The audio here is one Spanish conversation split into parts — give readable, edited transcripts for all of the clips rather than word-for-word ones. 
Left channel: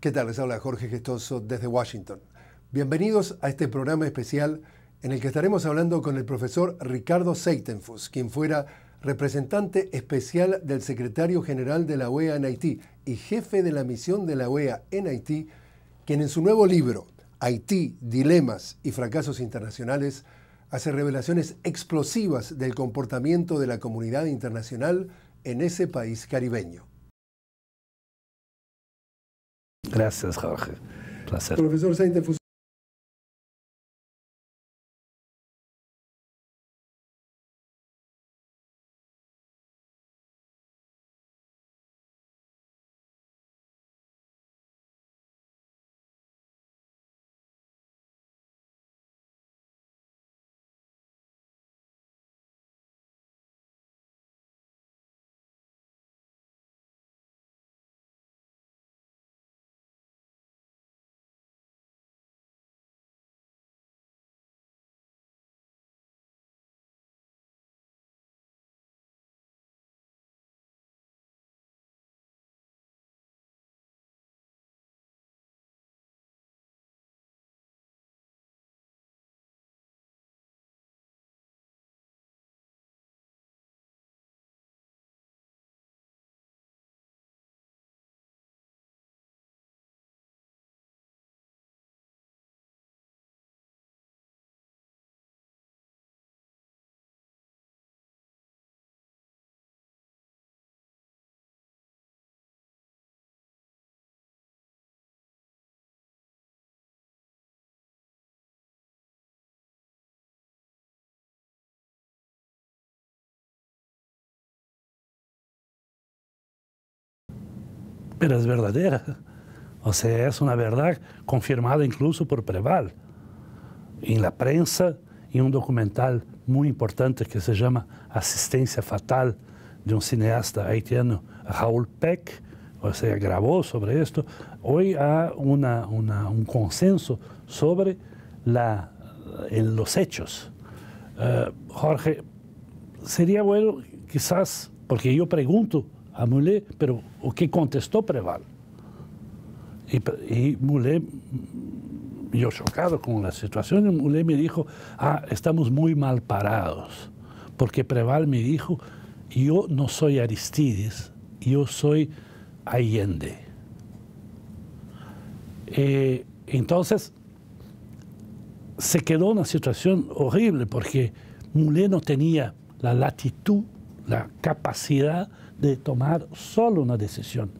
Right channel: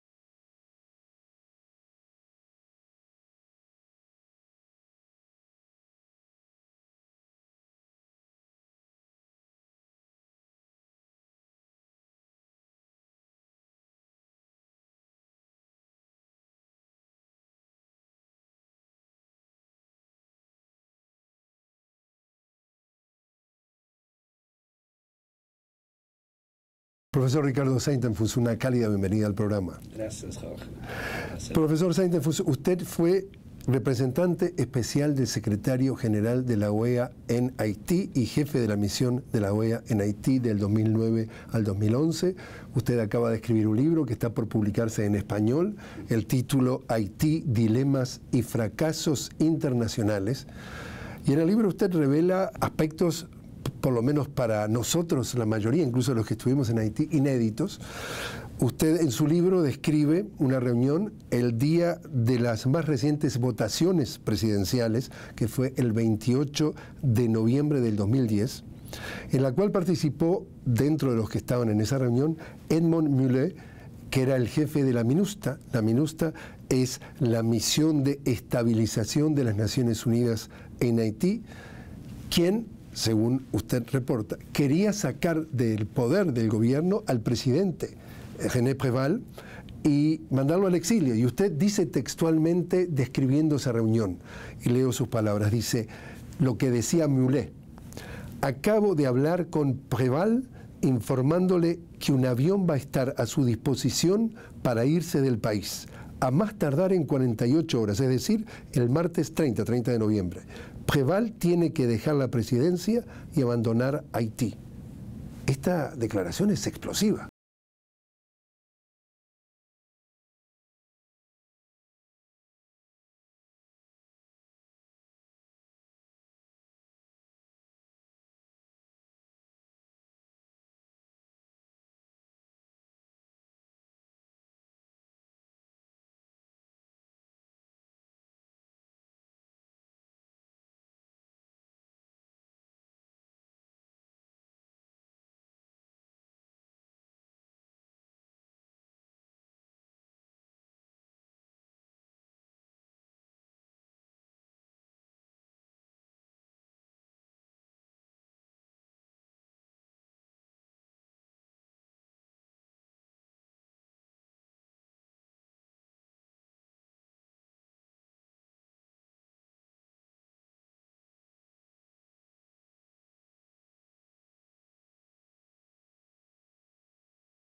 ¿Qué tal? Les habla Jorge Gestoso desde Washington. Bienvenidos a este programa especial en el que estaremos hablando con el profesor Ricardo Seitenfuss, quien fuera representante especial del secretario general de la OEA en Haití y jefe de la misión de la OEA en Haití, quien en su nuevo libro, Haití, Dilemas y Fracasos Internacionales, hace revelaciones explosivas del comportamiento de la comunidad internacional en ese país caribeño. Profesor Ricardo Seitenfuss, una cálida bienvenida al programa. Gracias, Jorge. Placer. Profesor Seitenfuss, usted fue representante especial del secretario general de la OEA en Haití y jefe de la misión de la OEA en Haití del 2009 al 2011. Usted acaba de escribir un libro que está por publicarse en español, el título Haití, Dilemas y Fracasos Internacionales. Y en el libro usted revela aspectos, por lo menos para nosotros, la mayoría, incluso los que estuvimos en Haití, inéditos. Usted en su libro describe una reunión el día de las más recientes votaciones presidenciales, que fue el 28 de noviembre del 2010, en la cual participó, dentro de los que estaban en esa reunión, Edmond Mulet, que era el jefe de la MINUSTAH. La MINUSTAH es la misión de estabilización de las Naciones Unidas en Haití, quien, según usted reporta, quería sacar del poder del gobierno al presidente René Préval y mandarlo al exilio. Y usted dice textualmente, describiendo esa reunión, y leo sus palabras, dice lo que decía Mulet: acabo de hablar con Préval informándole que un avión va a estar a su disposición para irse del país, a más tardar en 48 horas, es decir, el martes 30 de noviembre. Préval tiene que dejar la presidencia y abandonar Haití. Esta declaración es explosiva. Pero es verdadera. O sea, es una verdad confirmada incluso por Préval. En la prensa, en un documental muy importante que se llama Asistencia Fatal, de un cineasta haitiano, Raoul Peck, o sea, grabó sobre esto. Hoy hay un consenso sobre los hechos. Jorge, sería bueno quizás, porque yo pregunto a Mulet, pero ¿o qué contestó Préval? Y Mulet, yo chocado con la situación, Mulet me dijo, estamos muy mal parados, porque Préval me dijo, yo no soy Aristides, yo soy Allende. Entonces, se quedó una situación horrible porque Mulet no tenía la latitud, la capacidad de tomar solo una decisión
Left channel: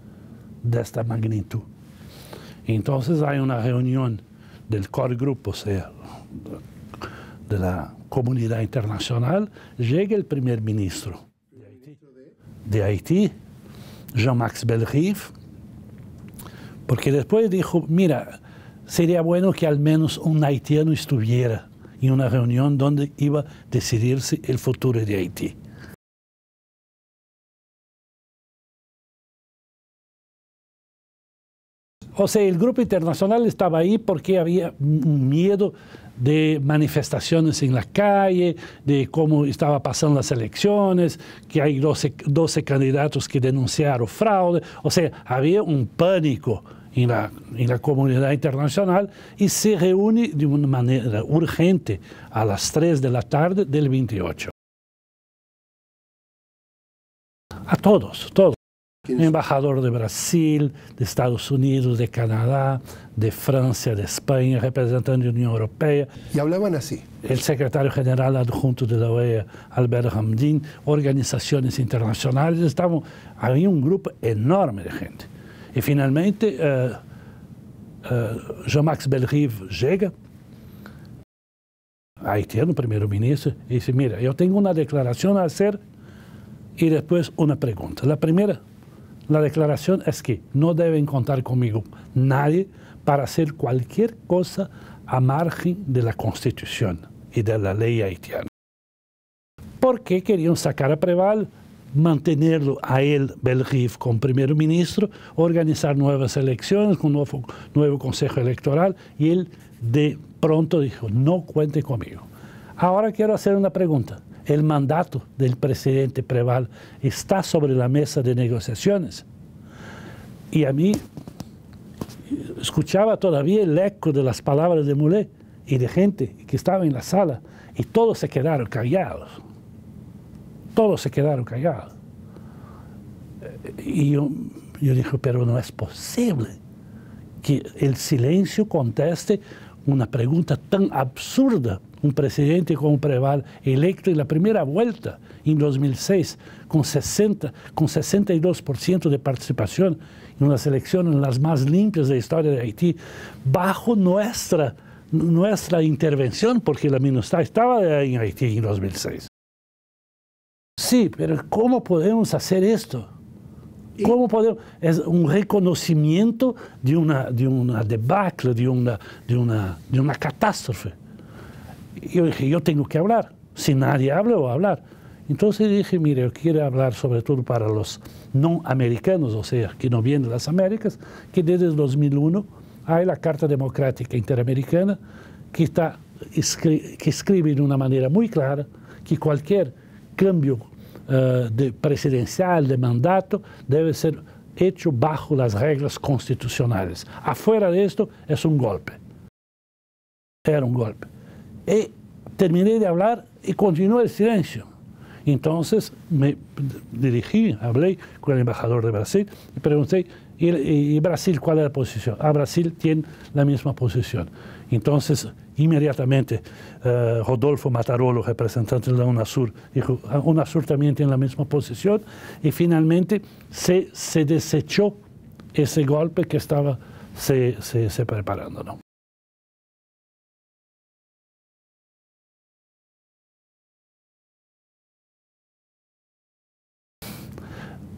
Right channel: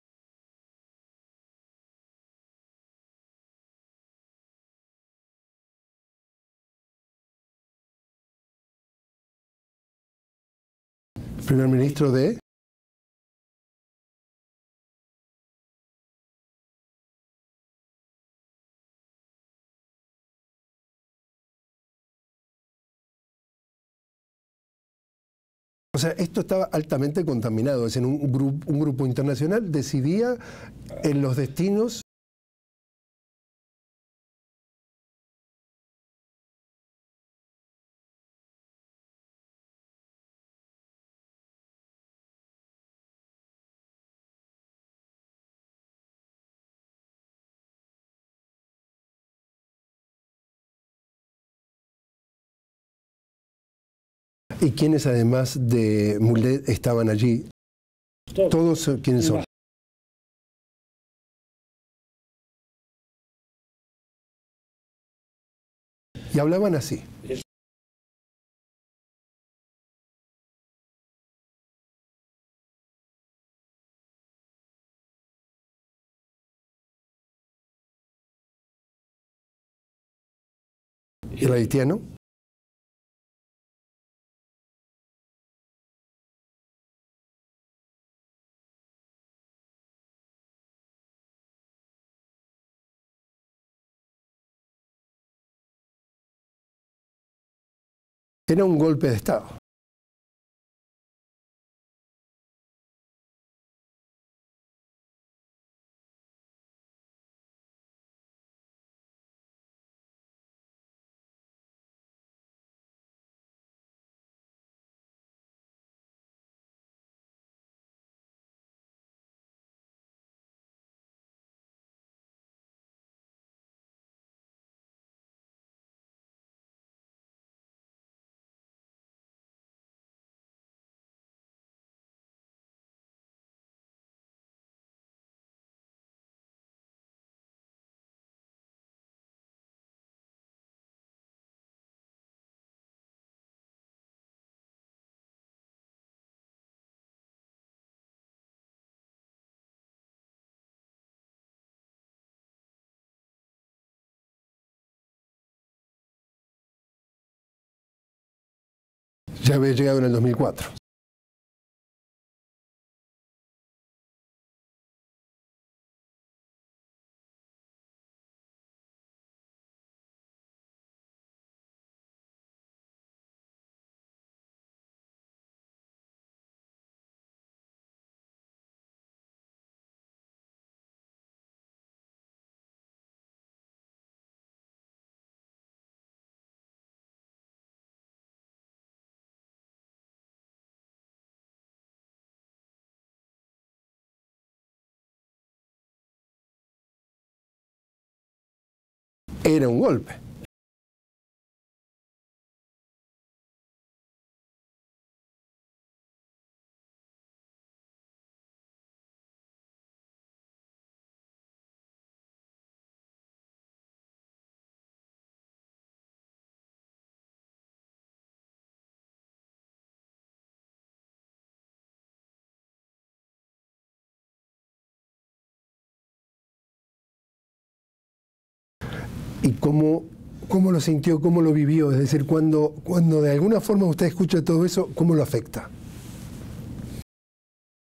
de esta magnitud. Entonces hay una reunión del core group, o sea, de la comunidad internacional, llega el primer ministro. ¿Primer ministro de? De Haití, Jean-Max Bellerive, porque después dijo, mira, sería bueno que al menos un haitiano estuviera en una reunión donde iba a decidirse el futuro de Haití. O sea, esto estaba altamente contaminado. Es en un grupo internacional decidía en los destinos. O sea, el grupo internacional estaba ahí porque había un miedo de manifestaciones en la calle, de cómo estaba pasando las elecciones, que hay 12 candidatos que denunciaron fraude. O sea, había un pánico en la comunidad internacional y se reúne de una manera urgente a las 3 de la tarde del 28. ¿Y quiénes además de Mulet estaban allí? A todos. ¿Todos quiénes son? Embajador de Brasil, de Estados Unidos, de Canadá, de Francia, de España, representante de la Unión Europea. Y hablaban así. El secretario general adjunto de la OEA, Albert Hamdin, organizaciones internacionales. Había un grupo enorme de gente. Y finalmente, Jean-Max Bellerive llega. ¿El haitiano? Haitiano, primer ministro, y dice, mira, yo tengo una declaración a hacer y después una pregunta. La primera, la declaración es que no deben contar conmigo nadie para hacer cualquier cosa a margen de la Constitución y de la ley haitiana. Era un golpe de Estado. Porque querían sacar a Préval, mantenerlo a él, Bellerive, como primer ministro, organizar nuevas elecciones con un nuevo consejo electoral, y él de pronto dijo, no cuente conmigo. Ahora quiero hacer una pregunta. ¿El mandato del presidente Préval está sobre la mesa de negociaciones? Y a mí, escuchaba todavía el eco de las palabras de Mulé y de gente que estaba en la sala, y todos se quedaron callados. Todos se quedaron callados. Y yo dije, pero no es posible que el silencio conteste una pregunta tan absurda. Un presidente como Preval, electo en la primera vuelta en 2006, con 62% de participación en unas elecciones las más limpias de la historia de Haití, bajo nuestra intervención, porque la MINUSTAH estaba en Haití en 2006. Ya había llegado en el 2004. Sí, pero ¿cómo podemos hacer esto? ¿Cómo podemos? Es un reconocimiento de una debacle, de una catástrofe. Yo dije, yo tengo que hablar. Si nadie habla, voy a hablar. Entonces dije, mire, yo quiero hablar sobre todo para los no americanos, o sea, que no vienen de las Américas, que desde el 2001 hay la Carta Democrática Interamericana que escribe de una manera muy clara que cualquier cambio presidencial, de mandato, debe ser hecho bajo las reglas constitucionales. Afuera de esto es un golpe. Era un golpe. Era un golpe. Y terminé de hablar y continuó el silencio. Entonces me dirigí, hablé con el embajador de Brasil y pregunté, ¿y Brasil cuál es la posición? Brasil tiene la misma posición. Entonces, inmediatamente, Rodolfo Matarolo, representante de la UNASUR, dijo, UNASUR también tiene la misma posición, y finalmente se desechó ese golpe que estaba se preparando, ¿no? ¿Y cómo lo sintió, cómo lo vivió? Es decir, cuando de alguna forma usted escucha todo eso, ¿cómo lo afecta?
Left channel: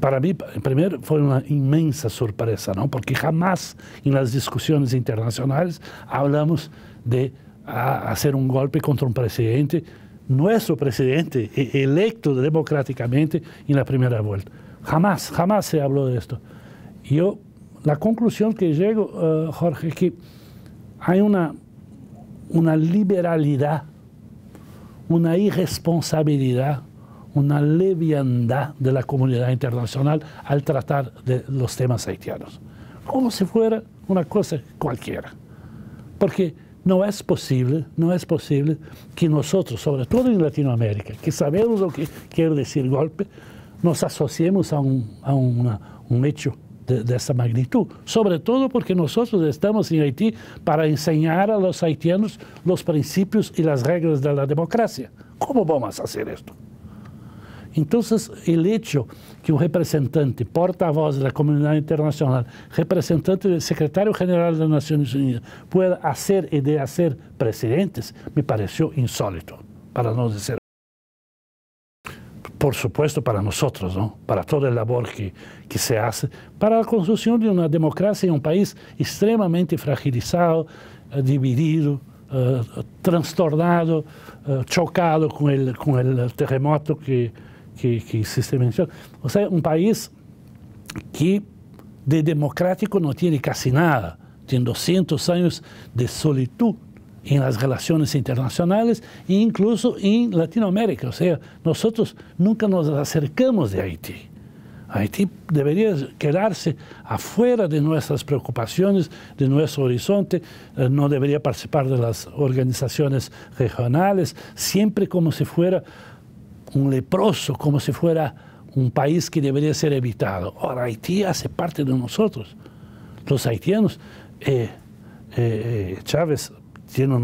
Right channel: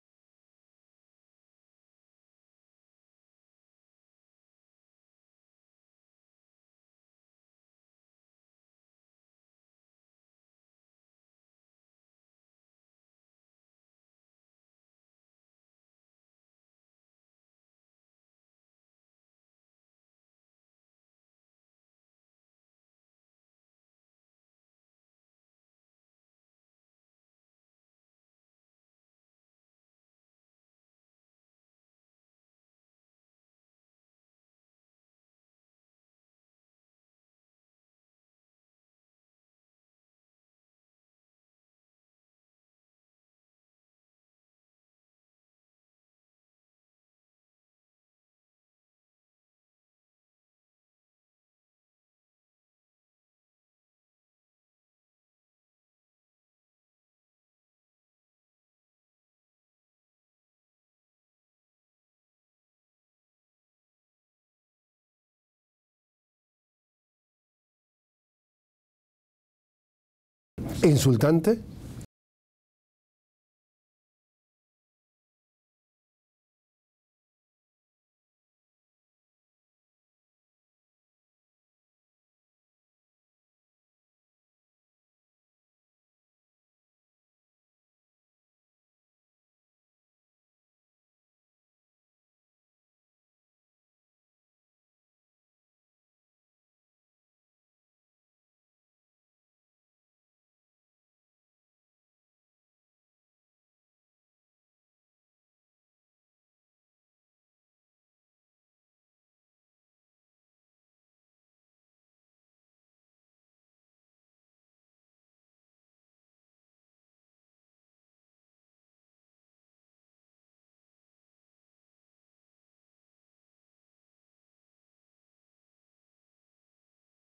Para mí, primero, fue una inmensa sorpresa, ¿no? Porque jamás en las discusiones internacionales hablamos de hacer un golpe contra un presidente, nuestro presidente, electo democráticamente en la primera vuelta. Jamás se habló de esto. La conclusión que llego, Jorge, es que hay una liberalidad, una irresponsabilidad, una leviandad de la comunidad internacional al tratar de los temas haitianos, como si fuera una cosa cualquiera. Porque no es posible que nosotros, sobre todo en Latinoamérica, que sabemos lo que quiere decir golpe, nos asociemos a un hecho de esa magnitud, sobre todo porque nosotros estamos en Haití para enseñar a los haitianos los principios y las reglas de la democracia. ¿Cómo vamos a hacer esto? Entonces, el hecho que un representante, portavoz de la comunidad internacional, representante del secretario general de las Naciones Unidas, pueda hacer y de hacer presidentes, me pareció insólito, para no decir más. ¿Insultante? Por supuesto, para nosotros, ¿no? Para toda la labor que se hace, para la construcción de una democracia en un país extremadamente fragilizado, dividido, trastornado, chocado con el terremoto que se menciona. O sea, un país que de democrático no tiene casi nada, tiene 200 años de solitud en las relaciones internacionales e incluso en Latinoamérica. O sea, nosotros nunca nos acercamos de Haití. Haití debería quedarse afuera de nuestras preocupaciones, de nuestro horizonte, no debería participar de las organizaciones regionales, siempre como si fuera un leproso, como si fuera un país que debería ser evitado. Ahora, Haití hace parte de nosotros. Los haitianos, Chávez tiene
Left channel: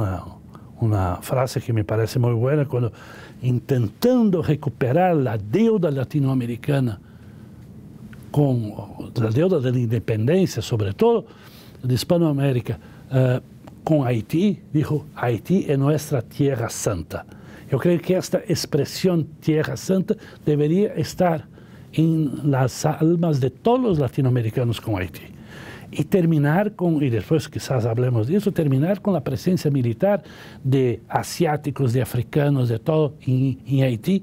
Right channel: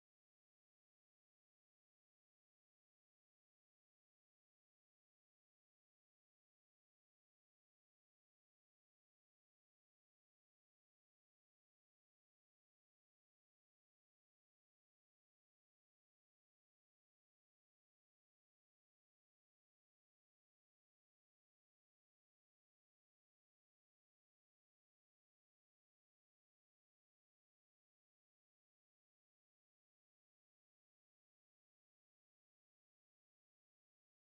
una frase que me parece muy buena, cuando intentando recuperar la deuda latinoamericana, con la deuda de la independencia, sobre todo de Hispanoamérica, con Haití, dijo, Haití es nuestra tierra santa. Yo creo que esta expresión tierra santa debería estar en las almas de todos los latinoamericanos con Haití. Y terminar con, y después quizás hablemos de eso, terminar con la presencia militar de asiáticos, de africanos, de todo en Haití.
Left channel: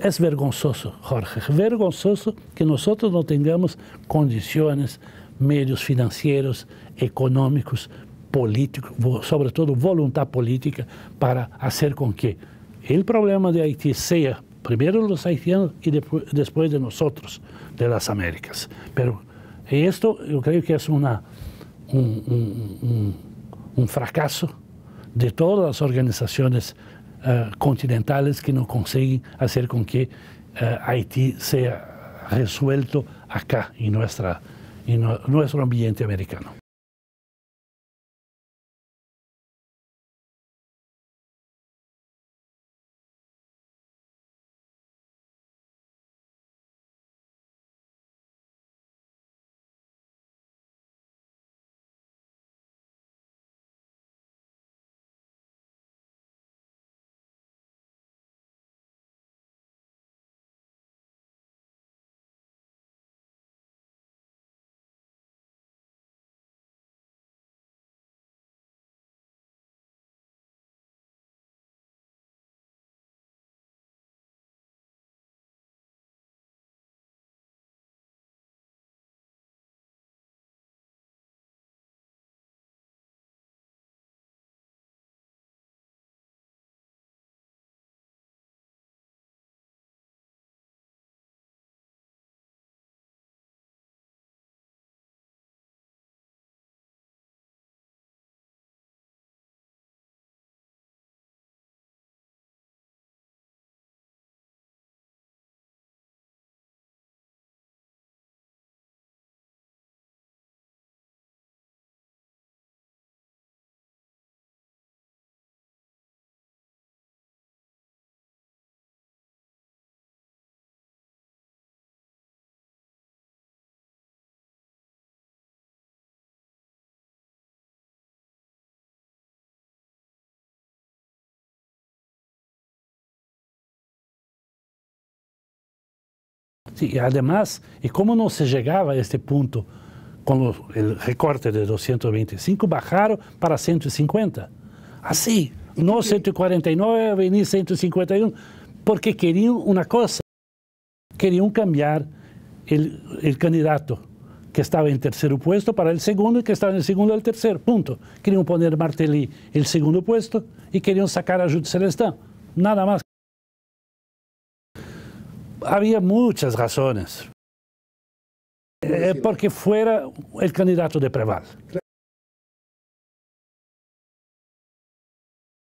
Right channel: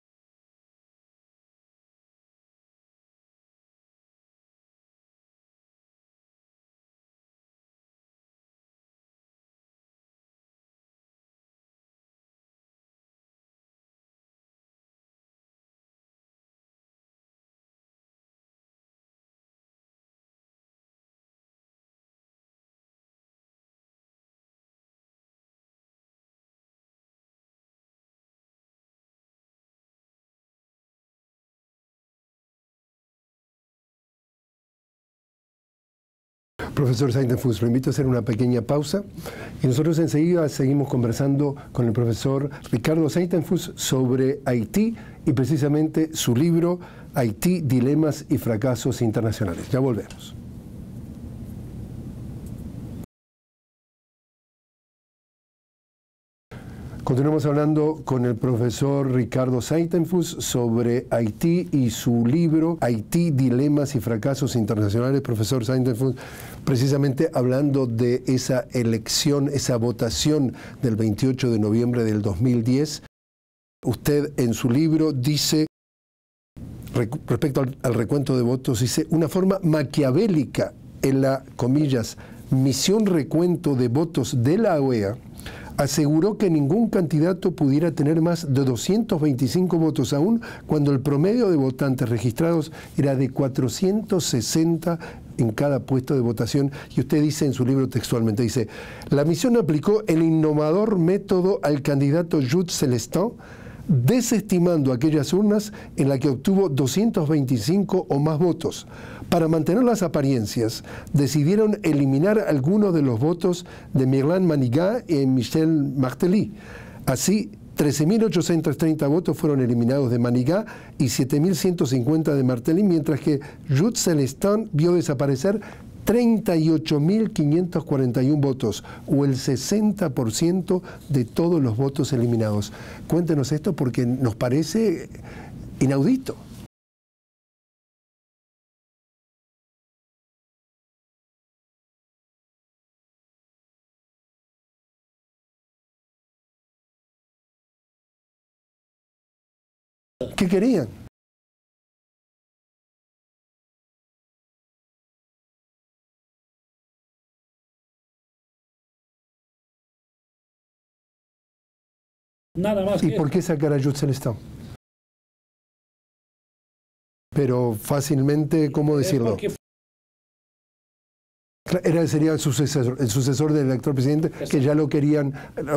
Es vergonzoso, Jorge, vergonzoso que nosotros no tengamos condiciones, medios financieros, económicos, políticos, sobre todo voluntad política para hacer con que el problema de Haití sea primero los haitianos y después de nosotros, de las Américas. Pero esto yo creo que es una un fracaso de todas las organizaciones continentales que no consiguen hacer con que Haití sea resuelto acá en nuestro ambiente americano. Profesor Saintenfuss, lo invito a hacer una pequeña pausa y nosotros enseguida seguimos conversando con el profesor Ricardo Saintenfuss sobre Haití y precisamente su libro Haití, Dilemas y Fracasos Internacionales. Ya volvemos. Continuamos hablando con el profesor Ricardo Saintenfuss sobre Haití y su libro Haití, Dilemas y Fracasos Internacionales. Profesor Saintenfuss, precisamente hablando de esa elección, esa votación del 28 de noviembre del 2010, usted en su libro dice, respecto al recuento de votos, dice, una forma maquiavélica en la, comillas, misión recuento de votos de la OEA, aseguró que ningún candidato pudiera tener más de 225 votos, aún cuando el promedio de votantes registrados era de 460 en cada puesto de votación. Y usted dice en su libro textualmente, dice, la misión aplicó el innovador método al candidato Jude Celestin, desestimando aquellas urnas en las que obtuvo 225 o más votos. Para mantener las apariencias, decidieron eliminar algunos de los votos de Mirlan Manigat y Michel Martelly. Así, 13.830 votos fueron eliminados de Manigat y 7.150 de Martelly, mientras que Jude Celestin vio desaparecer 38.541 votos, o el 60% de todos los votos eliminados. Cuéntenos esto porque nos parece inaudito. Sí, además, ¿y cómo no se llegaba a este punto con el recorte de 225? Bajaron para 150. Así, no 149, venir 151, porque querían una cosa. ¿Qué querían? Querían cambiar el candidato que estaba en tercer puesto para el segundo y que estaba en el segundo al tercer, punto. Querían poner Martelly el segundo puesto y querían sacar a Jude Celestin. Nada más. ¿Y por qué sacar a Jude Celestin? Había muchas razones. Pero fácilmente, ¿cómo decirlo? Porque fuera el candidato de Preval. Sería el sucesor del actual presidente, que ya lo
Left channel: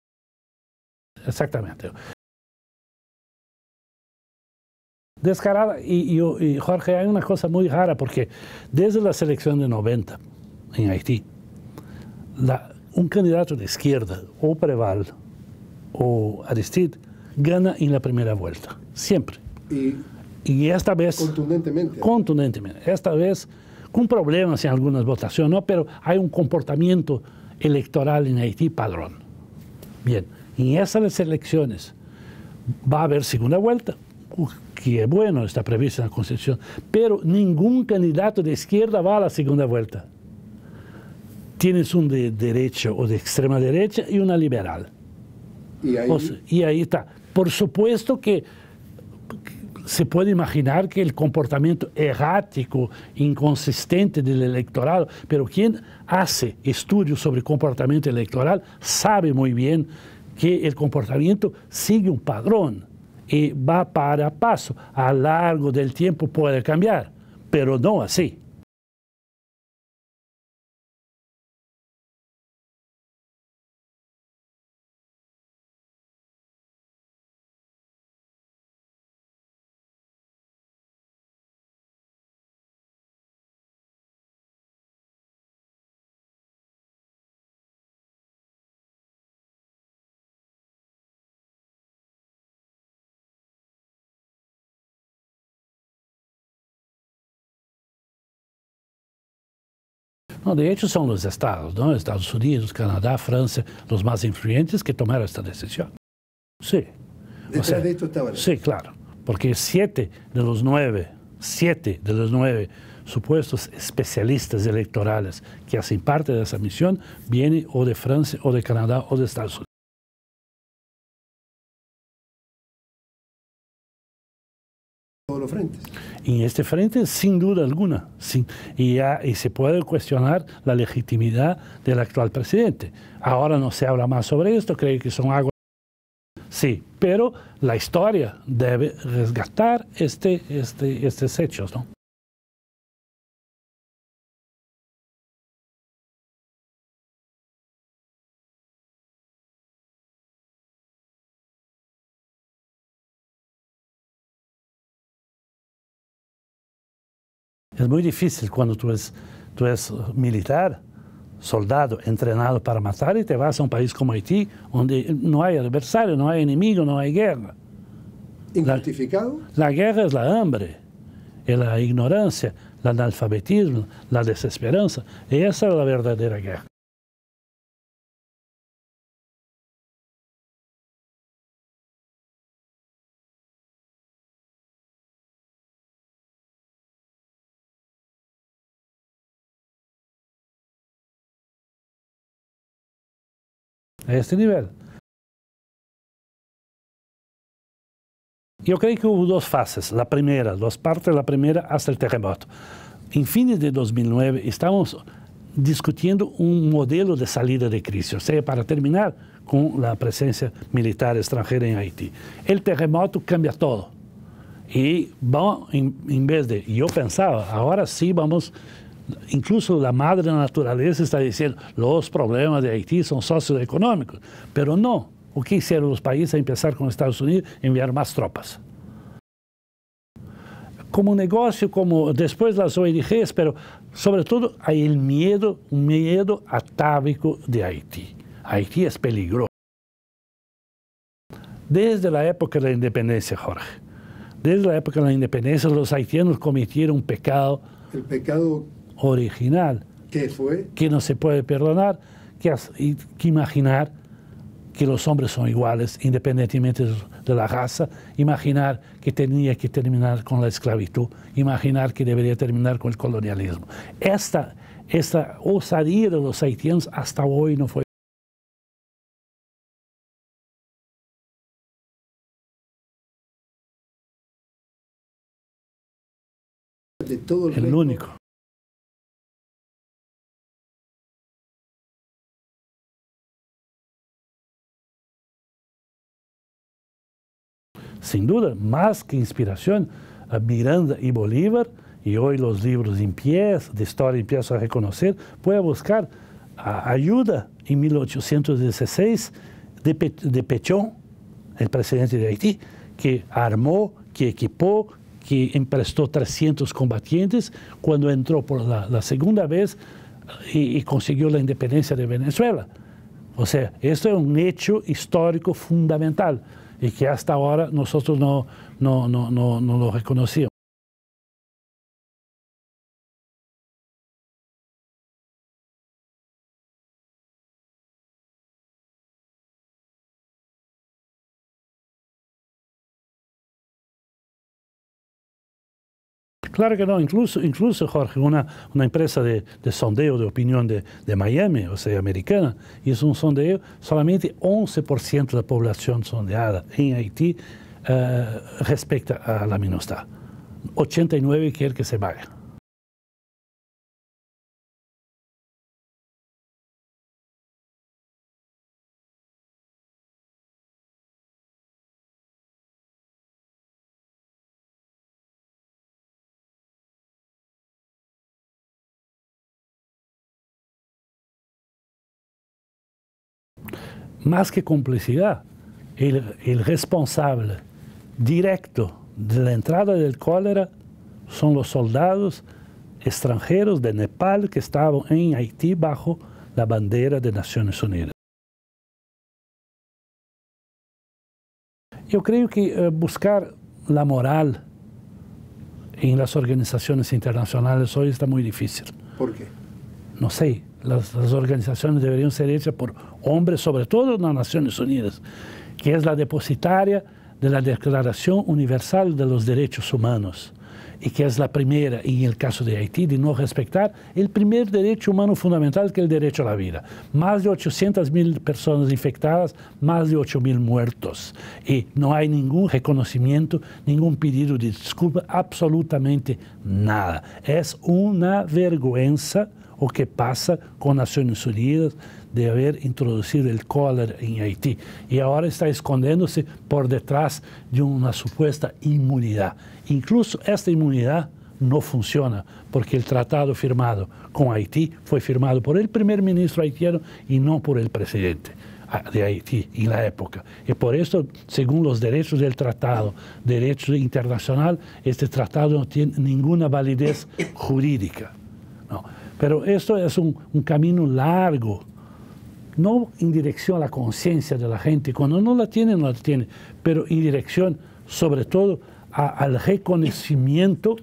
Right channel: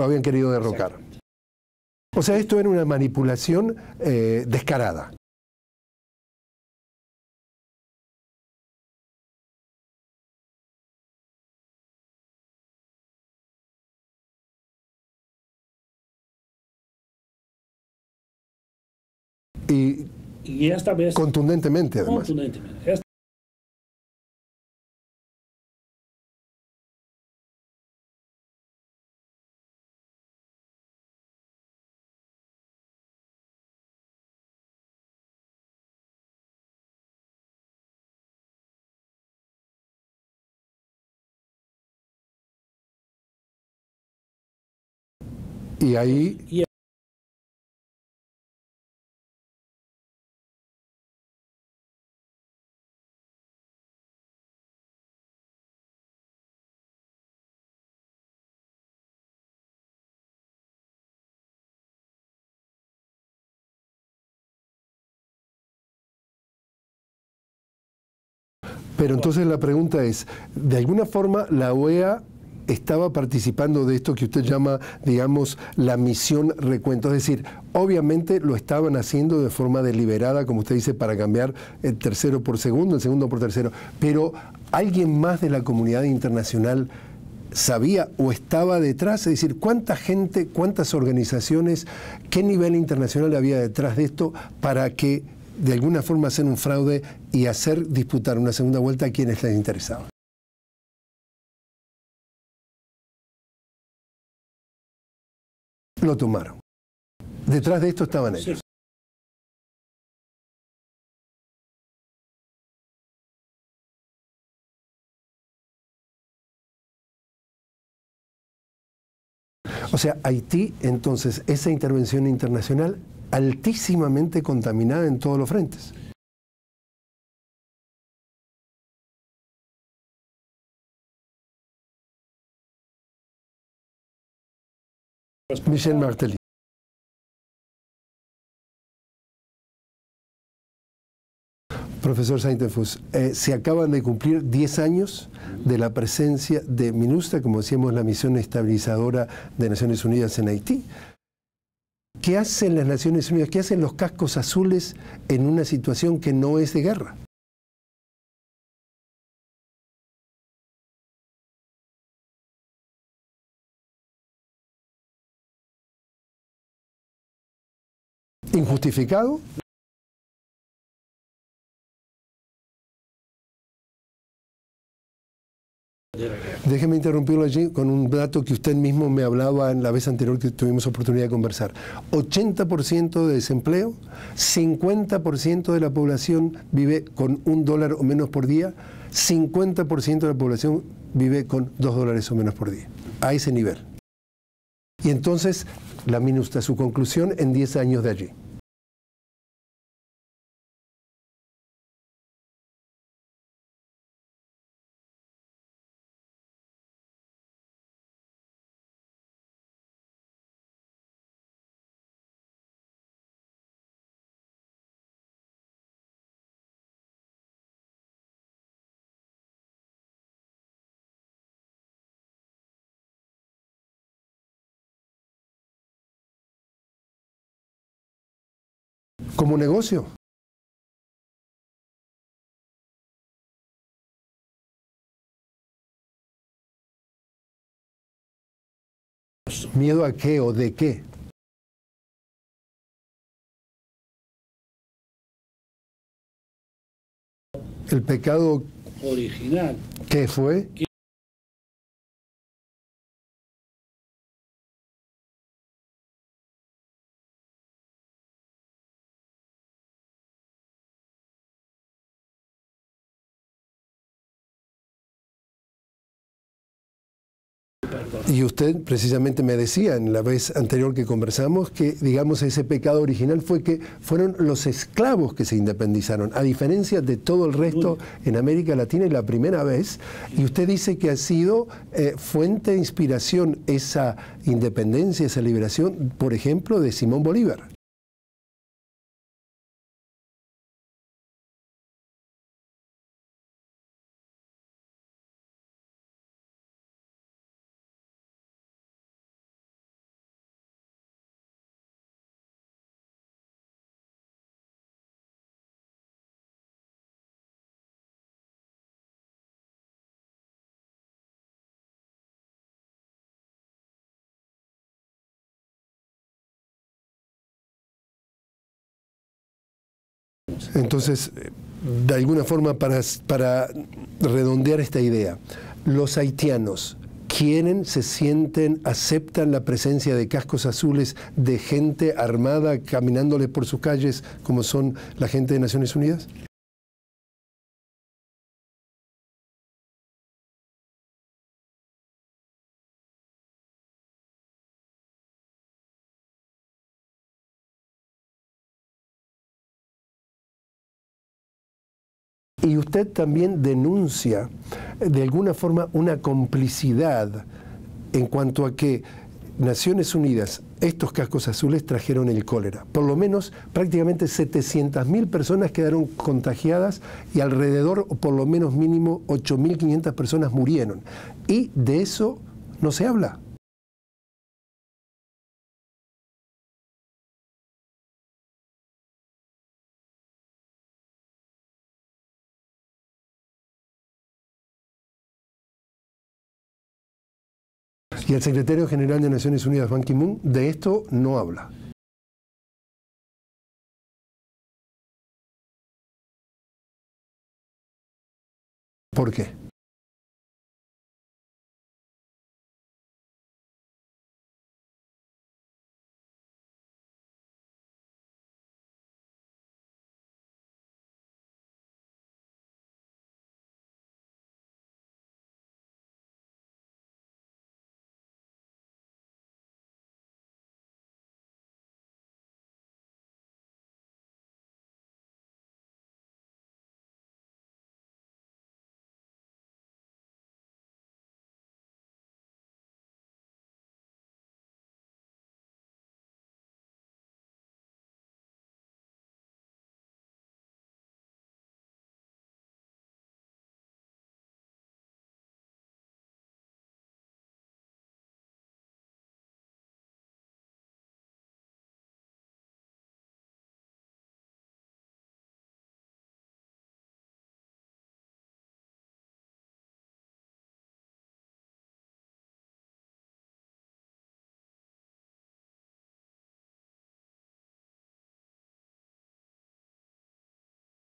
habían querido derrocar. Exactamente. O sea, esto era una manipulación descarada. Descarada. Y Jorge, hay una cosa muy rara, porque desde la selección de 90 en Haití, un candidato de izquierda, o Preval o Aristide, gana en la primera vuelta. Siempre. Y esta vez... Contundentemente. Además. Contundentemente. Esta vez con problemas en algunas votaciones, ¿no? Pero hay un comportamiento electoral en Haití padrón. Bien, en esas elecciones va a haber segunda vuelta, que es bueno, está previsto en la Constitución, pero ningún candidato de izquierda va a la segunda vuelta. Tienes un de derecha o de extrema derecha y una liberal. Y ahí está. Por supuesto que se puede imaginar que el comportamiento errático, inconsistente del electorado, pero quien hace estudios sobre comportamiento electoral sabe muy bien que el comportamiento sigue un patrón y va para paso. A lo largo del tiempo puede cambiar, pero no así. Pero entonces la pregunta es, ¿de alguna forma la OEA estaba participando de esto que usted llama, digamos, la misión recuento? Es decir, obviamente lo estaban haciendo de forma deliberada, como usted dice, para cambiar el tercero por segundo, el segundo por tercero, pero ¿alguien más de la comunidad internacional sabía o estaba detrás? Es decir, ¿cuánta gente, cuántas organizaciones, qué nivel internacional había detrás de esto para que de alguna forma hacer un fraude y hacer disputar una segunda vuelta a quienes les interesaba? No, de hecho son los estados, ¿no? Estados Unidos, Canadá, Francia, los más influyentes que tomaron esta decisión. Lo tomaron. Sí. Detrás de esto estaban ellos. Sí, claro, porque 7 de los 9 supuestos especialistas electorales que hacen parte de esa misión vienen o de Francia, o de Canadá, o de Estados Unidos. O sea, Haití, entonces, esa intervención internacional altísimamente contaminada en todos los frentes. En este frente, sin duda alguna, y se puede cuestionar la legitimidad del actual presidente. Ahora no se habla más sobre esto, creo que son aguas... Michel Martelly. Sí, pero la historia debe resgatar estos hechos, ¿no? Profesor Saintenfuss, se acaban de cumplir 10 años de la presencia de MINUSTAH, como decíamos, la misión estabilizadora de Naciones Unidas en Haití. ¿Qué hacen las Naciones Unidas? ¿Qué hacen los cascos azules en una situación que no es de guerra? Es muy difícil cuando tú eres militar, soldado, entrenado para matar, y te vas a un país como Haití, donde no hay adversario, no hay enemigo, no hay guerra. ¿Injustificado? La guerra es la hambre, es la ignorancia, el analfabetismo, la desesperanza. Esa es la verdadera guerra. Déjeme interrumpirlo allí con un dato que usted mismo me hablaba en la vez anterior que tuvimos oportunidad de conversar. 80% de desempleo, 50% de la población vive con $1 o menos por día, 50% de la población vive con $2 o menos por día. A ese nivel. A este nivel. Y entonces, la MINUSTAH, su conclusión en 10 años de allí. Yo creo que hubo dos fases. La primera, dos partes, la primera hasta el terremoto. En fines de 2009 estamos discutiendo un modelo de salida de crisis, o sea, para terminar con la presencia militar extranjera en Haití. El terremoto cambia todo. Y en vez de, yo pensaba, ahora sí vamos, incluso la madre naturaleza está diciendo, los problemas de Haití son socioeconómicos, pero no. O que hicieron los países a empezar con Estados Unidos, enviar más tropas. ¿Como negocio? Como negocio, como después las ONGs, pero sobre todo hay el miedo, un miedo atávico de Haití. Haití es peligroso. ¿Miedo a qué o de qué? Desde la época de la independencia, Jorge. Desde la época de la independencia, los haitianos cometieron un pecado. ¿El pecado original? ¿Qué fue? Que no se puede perdonar, que imaginar que los hombres son iguales, independientemente de la raza, imaginar que tenía que terminar con la esclavitud, imaginar que debería terminar con el colonialismo. Esta osadía de los haitianos hasta hoy no fue perdonada. Y usted precisamente me decía en la vez anterior que conversamos que, digamos, ese pecado original fue que fueron los esclavos que se independizaron, a diferencia de todo el resto único en América Latina, y la primera vez. Y usted dice que ha sido fuente de inspiración esa independencia, esa liberación, por ejemplo, de Simón Bolívar. Sin duda, más que inspiración, Miranda y Bolívar, y hoy los libros de historia empiezan a reconocer, puede buscar ayuda en 1816 de Pétion, el presidente de Haití, que armó, que equipó, que emprestó 300 combatientes cuando entró por la segunda vez y consiguió la independencia de Venezuela. O sea, esto es un hecho histórico fundamental y que hasta ahora nosotros no lo reconocíamos. Entonces, de alguna forma, para redondear esta idea, los haitianos quieren, se sienten, aceptan la presencia de cascos azules, de gente armada caminándoles por sus calles como son la gente de Naciones Unidas? Claro que no, incluso Jorge, una empresa de sondeo de opinión de Miami, o sea, americana, hizo un sondeo, solamente 11% de la población sondeada en Haití respecta a la MINUSTAH. 89 quiere que se vaya. Y usted también denuncia de alguna forma una complicidad en cuanto a que Naciones Unidas, estos cascos azules trajeron el cólera. Por lo menos prácticamente 700.000 personas quedaron contagiadas y alrededor, o por lo menos mínimo, 8.500 personas murieron. Y de eso no se habla. Más que complicidad, el responsable directo de la entrada del cólera son los soldados extranjeros de Nepal que estaban en Haití bajo la bandera de Naciones Unidas. Y el secretario general de Naciones Unidas, Ban Ki-moon, de esto no habla. Yo creo que buscar la moral en las organizaciones internacionales hoy está muy difícil. ¿Por qué? No sé, las organizaciones deberían ser hechas por hombres, sobre todo en las Naciones Unidas, que es la depositaria de la Declaración Universal de los Derechos Humanos, y que es la primera, en el caso de Haití, de no respetar el primer derecho humano fundamental, que es el derecho a la vida. Más de 800.000 personas infectadas, más de 8.000 muertos. Y no hay ningún reconocimiento, ningún pedido de disculpa, absolutamente nada. Es una vergüenza o que pasa con Naciones Unidas de haber introducido el cólera en Haití. Y ahora está escondiéndose por detrás de una supuesta inmunidad. Incluso esta inmunidad no funciona, porque el tratado firmado con Haití fue firmado por el primer ministro haitiano y no por el presidente de Haití en la época. Y por eso, según los derechos del tratado, derecho internacional, este tratado no tiene ninguna validez jurídica, ¿no? Pero esto es un camino largo, no en dirección a la conciencia de la gente, cuando no la tiene, no la tiene, pero en dirección, sobre todo, al reconocimiento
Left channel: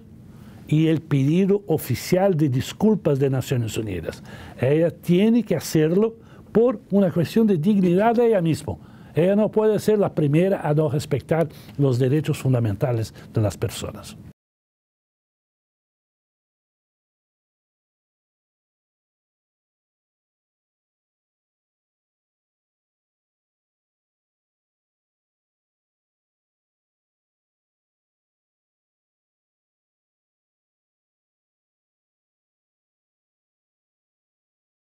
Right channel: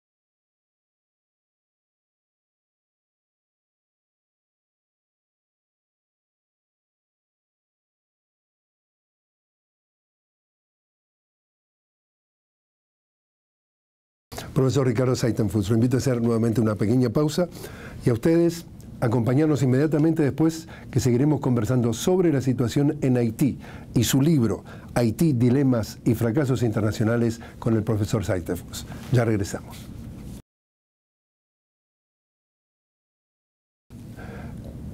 y el pedido oficial de disculpas de Naciones Unidas. Ella tiene que hacerlo por una cuestión de dignidad de ella misma. Ella no puede ser la primera a no respetar los derechos fundamentales de las personas. Profesor Ricardo Saitenfuss, lo invito a hacer nuevamente una pequeña pausa y a ustedes acompañarnos inmediatamente después, que seguiremos conversando sobre la situación en Haití y su libro Haití, Dilemas y Fracasos Internacionales con el profesor Saitenfuss. Ya regresamos.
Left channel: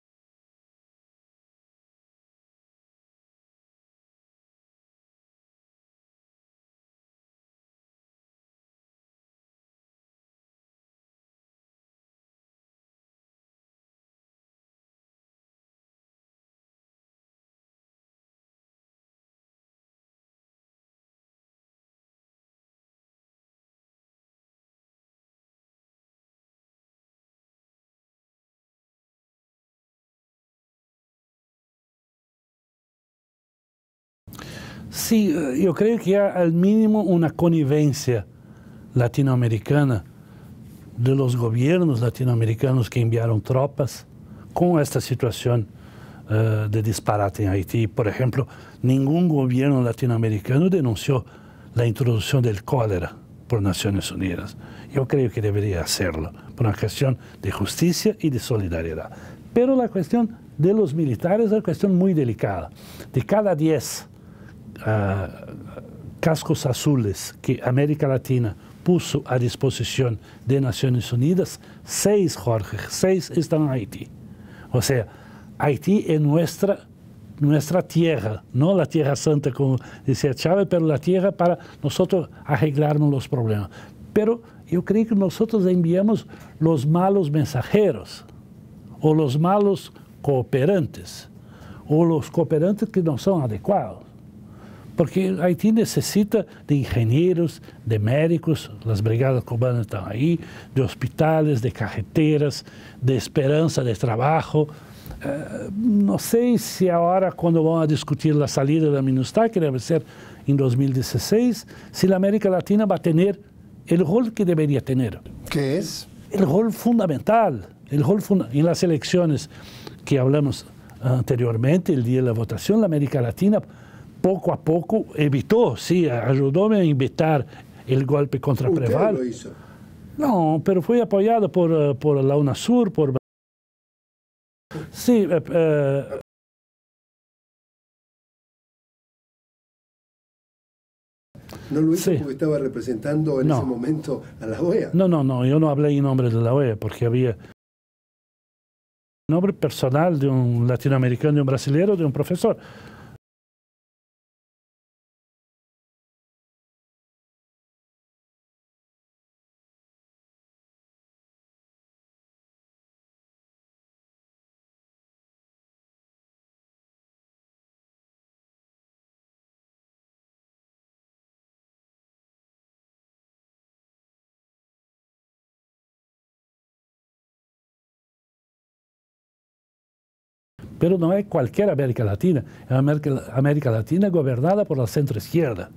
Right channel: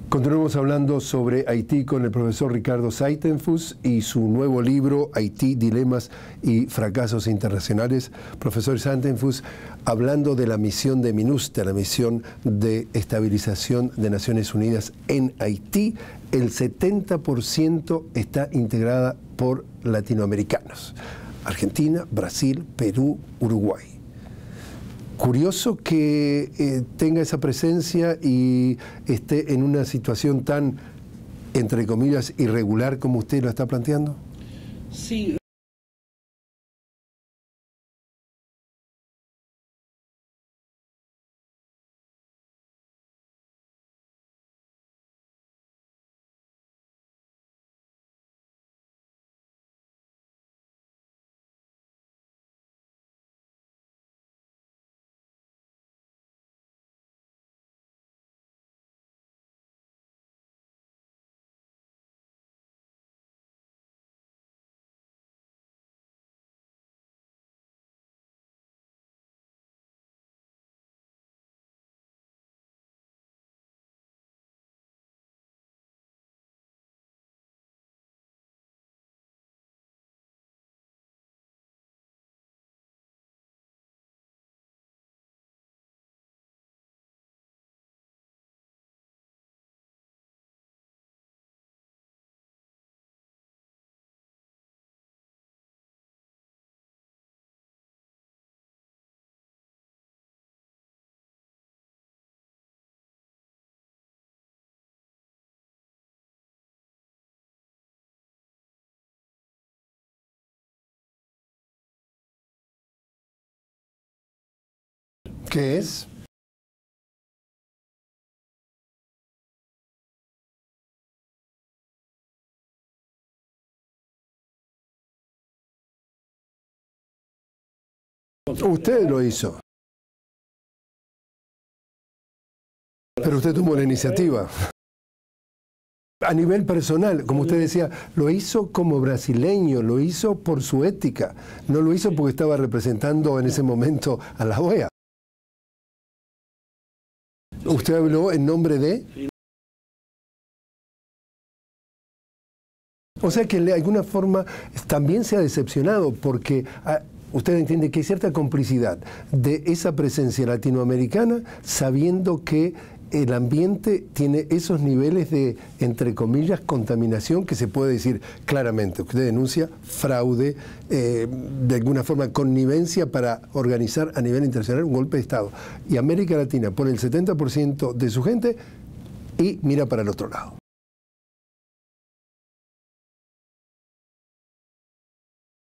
Continuamos hablando sobre Haití con el profesor Ricardo Saitenfuss y su nuevo libro, Haití, Dilemas y Fracasos Internacionales. Profesor Saitenfuss, hablando de la misión de MINUSTAH, la misión de estabilización de Naciones Unidas en Haití, el 70% está integrada por latinoamericanos. Argentina, Brasil, Perú, Uruguay. Curioso que tenga esa presencia y esté en una situación tan, entre comillas, irregular como usted lo está planteando. Sí, yo creo que hay al mínimo una connivencia latinoamericana de los gobiernos latinoamericanos que enviaron tropas con esta situación de disparate en Haití. Por ejemplo, ningún gobierno latinoamericano denunció la introducción del cólera por Naciones Unidas. Yo creo que debería hacerlo, por una cuestión de justicia y de solidaridad. Pero la cuestión de los militares es una cuestión muy delicada. De cada 10 cascos azules que América Latina puso a disposición de Naciones Unidas, 6, Jorge, 6 están en Haití. O sea, Haití es nuestra tierra, no la tierra santa, como decía Chávez, pero la tierra para nosotros arreglarnos los problemas. Pero yo creo que nosotros enviamos los malos mensajeros, o los malos cooperantes, o los cooperantes que no son adecuados. Porque Haití necesita de ingenieros, de médicos, las brigadas cubanas están ahí, de hospitales, de carreteras, de esperanza de trabajo. No sé si ahora, cuando van a discutir la salida de la MINUSTAH, que debe ser en 2016, si la América Latina va a tener el rol que debería tener. ¿Qué es? El rol fundamental, en las elecciones que hablamos anteriormente, el día de la votación, la América Latina poco a poco evitó, sí, ayudó a evitar el golpe contra Preval. ¿Usted lo hizo? No, pero fue apoyado por la UNASUR, por Brasil. Pero usted tomó la iniciativa. Sí. A nivel personal, como usted decía, lo hizo como brasileño, lo hizo por su ética. No lo hizo porque estaba representando en ese momento a la OEA. No, yo no hablé en nombre de la OEA, porque había... ¿Usted habló en nombre de? En nombre personal de un latinoamericano, de un brasileño, de un profesor. O sea que de alguna forma también se ha decepcionado porque... usted entiende que hay cierta complicidad de esa presencia latinoamericana, sabiendo que el ambiente tiene esos niveles de, entre comillas, contaminación que se puede decir claramente. Usted denuncia fraude, de alguna forma connivencia para organizar a nivel internacional un golpe de Estado. Y América Latina pone el 70% de su gente y mira para el otro lado. Pero no es cualquier América Latina, es América Latina gobernada por la centroizquierda,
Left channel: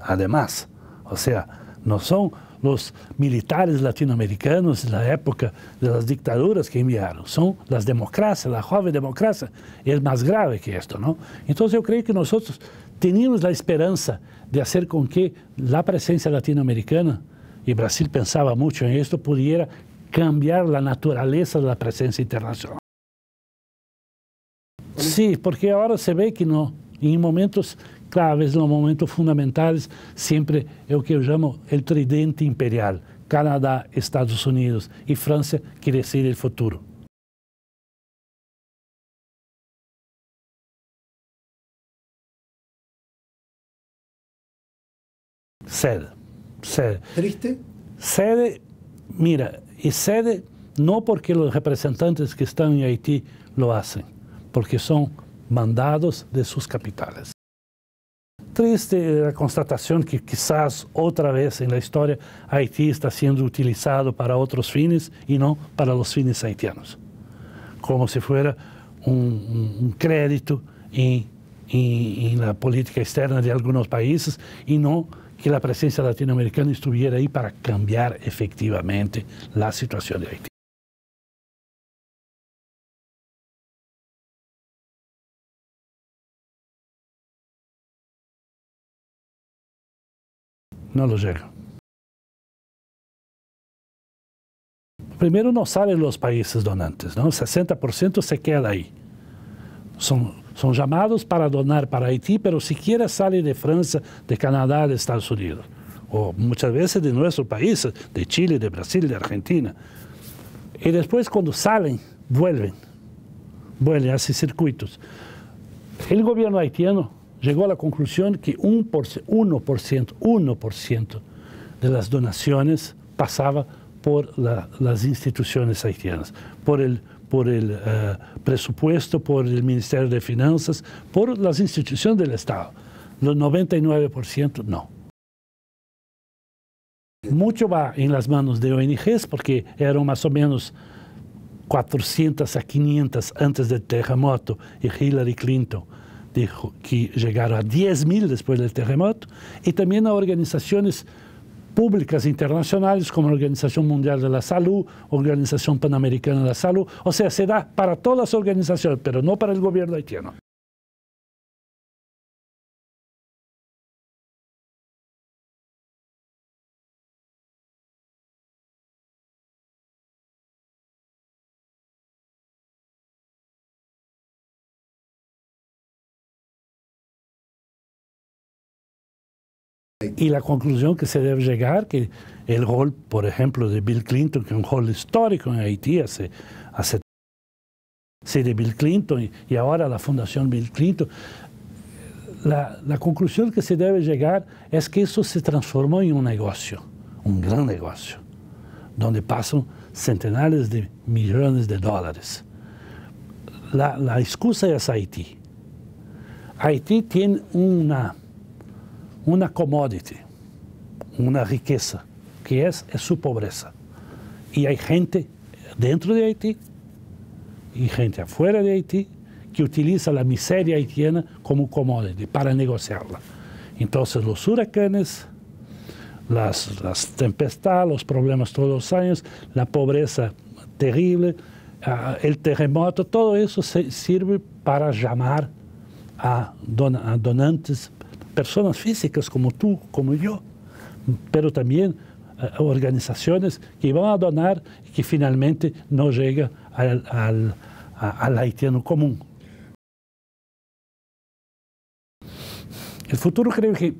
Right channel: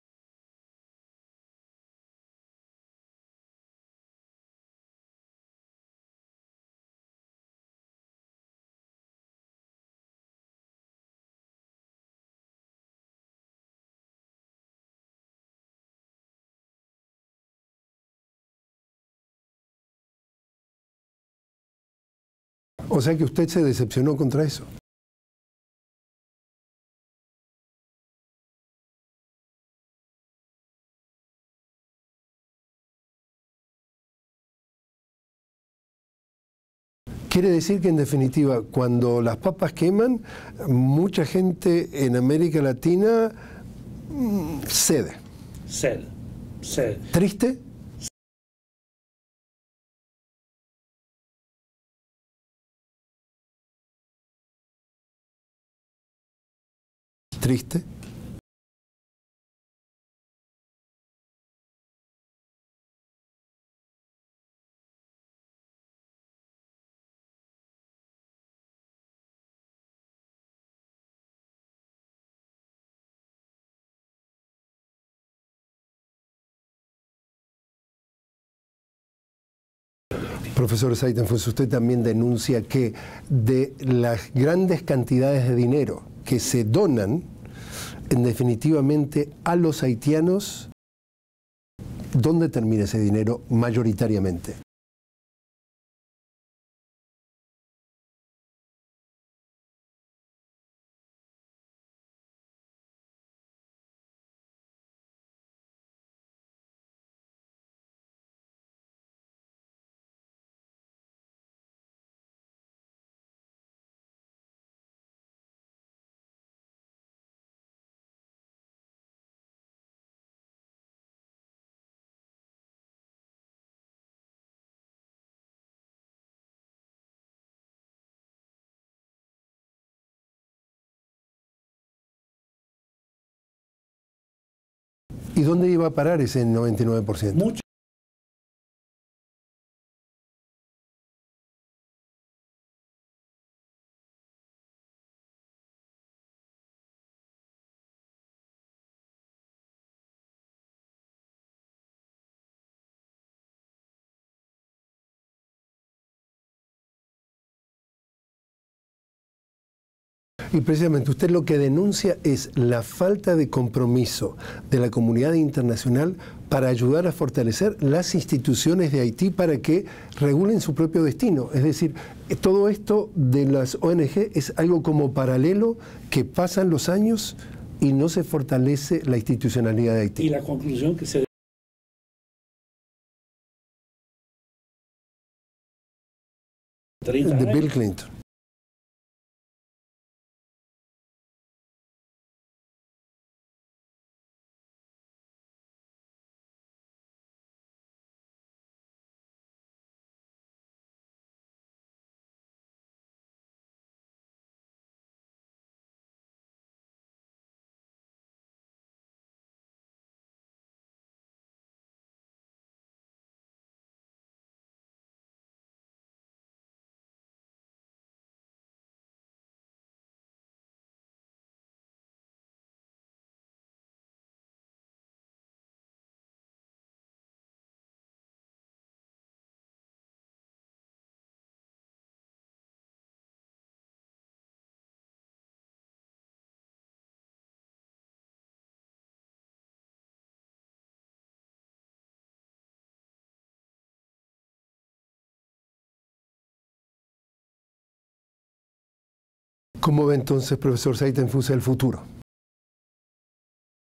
además. O sea, no son los militares latinoamericanos en la época de las dictaduras que enviaron, son las democracias, la joven democracia, y es más grave que esto, ¿no? Entonces yo creo que nosotros teníamos la esperanza de hacer con que la presencia latinoamericana, y Brasil pensaba mucho en esto, pudiera cambiar la naturaleza de la presencia internacional. O sea que usted se decepcionó contra eso. Sí, porque ahora se ve que no, en momentos claves, en los momentos fundamentales, siempre es lo que yo llamo el tridente imperial. Canadá, Estados Unidos y Francia quiere decir el futuro. Quiere decir que, en definitiva, cuando las papas queman, mucha gente en América Latina cede. Cede. ¿Triste? Cede mira, y cede no porque los representantes que están en Haití lo hacen, porque son mandados de sus capitales. Triste. Triste la constatación que quizás otra vez en la historia Haití está siendo utilizado para otros fines y no para los fines haitianos, como si fuera un crédito en la política externa de algunos países y no que la presencia latinoamericana estuviera ahí para cambiar efectivamente la situación de Haití. Profesor Saytenfuss, usted también denuncia que de las grandes cantidades de dinero que se donan, en definitivamente a los haitianos, no lo llega. ¿Dónde termina ese dinero mayoritariamente? Primero no salen los países donantes, ¿no? 60% se queda ahí. Son llamados para donar para Haití, pero siquiera sale de Francia, de Canadá, de Estados Unidos. O muchas veces de nuestros países, de Chile, de Brasil, de Argentina. Y después cuando salen, vuelven, hacen circuitos. El gobierno haitiano llegó a la conclusión que 1% de las donaciones pasaba por las instituciones haitianas, por el presupuesto, por el Ministerio de Finanzas, por las instituciones del Estado. Los 99% no. ¿Y dónde iba a parar ese 99%? Mucho va en las manos de ONGs, porque eran más o menos 400 a 500 antes del terremoto, y Hillary Clinton dijo que llegaron a 10.000 después del terremoto, y también a organizaciones públicas internacionales como la Organización Mundial de la Salud, Organización Panamericana de la Salud. O sea, se da para todas las organizaciones, pero no para el gobierno haitiano. Y precisamente usted lo que denuncia es la falta de compromiso de la comunidad internacional para ayudar a fortalecer las instituciones de Haití para que regulen su propio destino. Es decir, todo esto de las ONG es algo como paralelo que pasan los años y no se fortalece la institucionalidad de Haití. Y la conclusión que se debe llegar, que el rol, por ejemplo, de Bill Clinton, que es un rol histórico en Haití hace 30 años. De Bill Clinton. Sí, de Bill Clinton y ahora la Fundación Bill Clinton. La conclusión que se debe llegar es que eso se transformó en un negocio, un gran negocio, donde pasan centenares de millones de dólares. La excusa es Haití. Haití tiene una commodity, una riqueza, que es su pobreza. Y hay gente dentro de Haití y gente afuera de Haití que utiliza la miseria haitiana como commodity para negociarla. Entonces los huracanes, las tempestades, los problemas todos los años, la pobreza terrible, el terremoto, todo eso sirve para llamar a donantes, personas físicas como tú, como yo, pero también organizaciones que van a donar y que finalmente no llega al haitiano común. ¿Cómo ve entonces, profesor Saytenfuss, el futuro? El futuro, creo que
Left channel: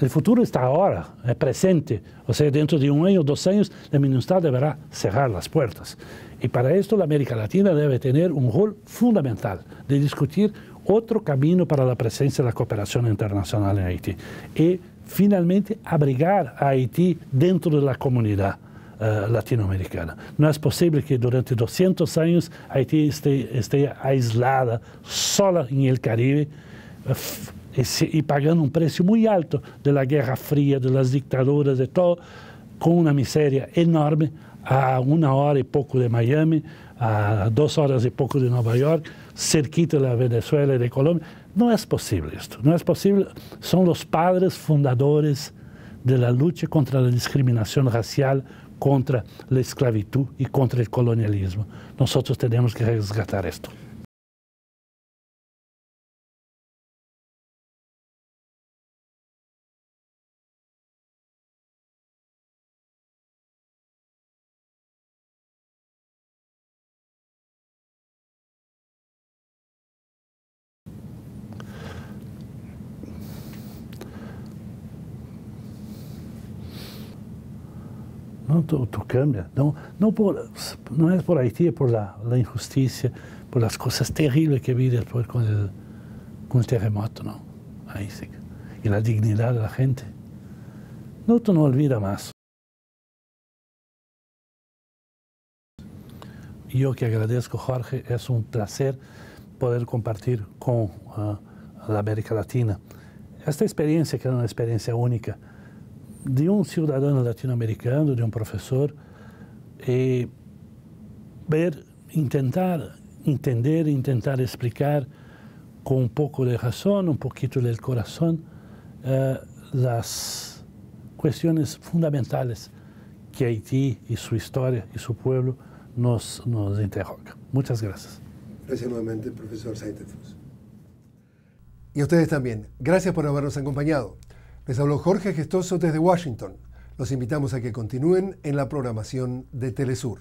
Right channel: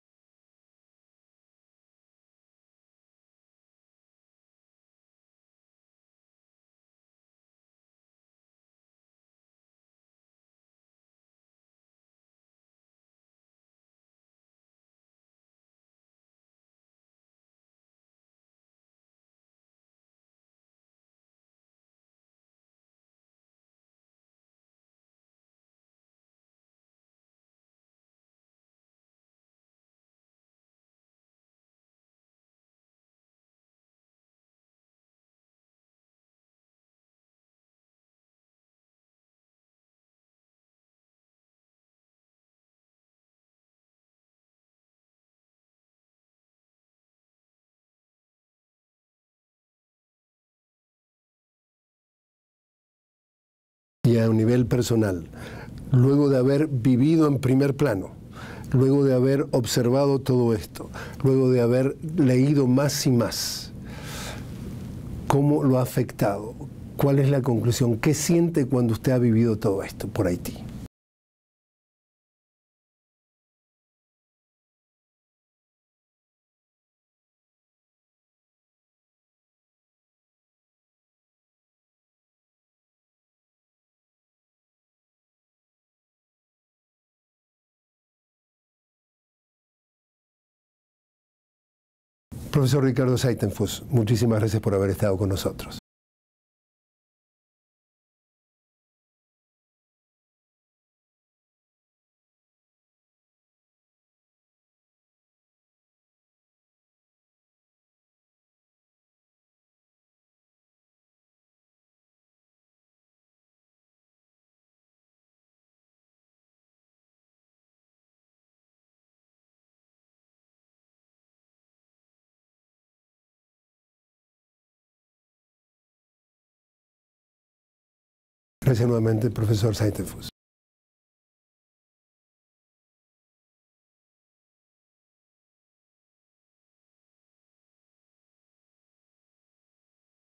el futuro está ahora, es presente. O sea, dentro de 1 año, 2 años, la MINUSTAH deberá cerrar las puertas. Y para esto la América Latina debe tener un rol fundamental de discutir otro camino para la presencia de la cooperación internacional en Haití y finalmente abrigar a Haití dentro de la comunidad latinoamericana. No es posible que durante 200 años Haití esté aislada, sola en el Caribe y pagando un precio muy alto de la Guerra Fría, de las dictaduras, de todo, con una miseria enorme a 1 hora y poco de Miami, a 2 horas y poco de Nueva York, cerquita de la Venezuela y de Colombia. No es posible esto, no es posible. Son los padres fundadores de la lucha contra la discriminación racial, contra la esclavitud y contra el colonialismo. Nosotros tenemos que rescatar esto. Y a un nivel personal, luego de haber vivido en primer plano, luego de haber observado todo esto, luego de haber leído más y más, ¿cómo lo ha afectado? ¿Cuál es la conclusión? ¿Qué siente cuando usted ha vivido todo esto por Haití? No, tú cambias. No es por Haití, es por la injusticia, por las cosas terribles que vi después con el terremoto, ¿no? Ahí sí. Y la dignidad de la gente. Milton no olvida más. Profesor Ricardo Seitenfuss, muchísimas gracias por haber estado con nosotros. Yo que agradezco, Jorge, es un placer poder compartir con la América Latina esta experiencia, que es una experiencia única, de un ciudadano latinoamericano, de un profesor, intentar entender, intentar explicar con un poco de razón, un poquito del corazón, las cuestiones fundamentales que Haití y su historia y su pueblo nos interrogan. Muchas gracias. Gracias nuevamente, profesor Seitenfuss. Y a ustedes también. Gracias por habernos acompañado. Les habló Jorge Gestoso desde Washington. Los invitamos a que continúen en la programación de Telesur.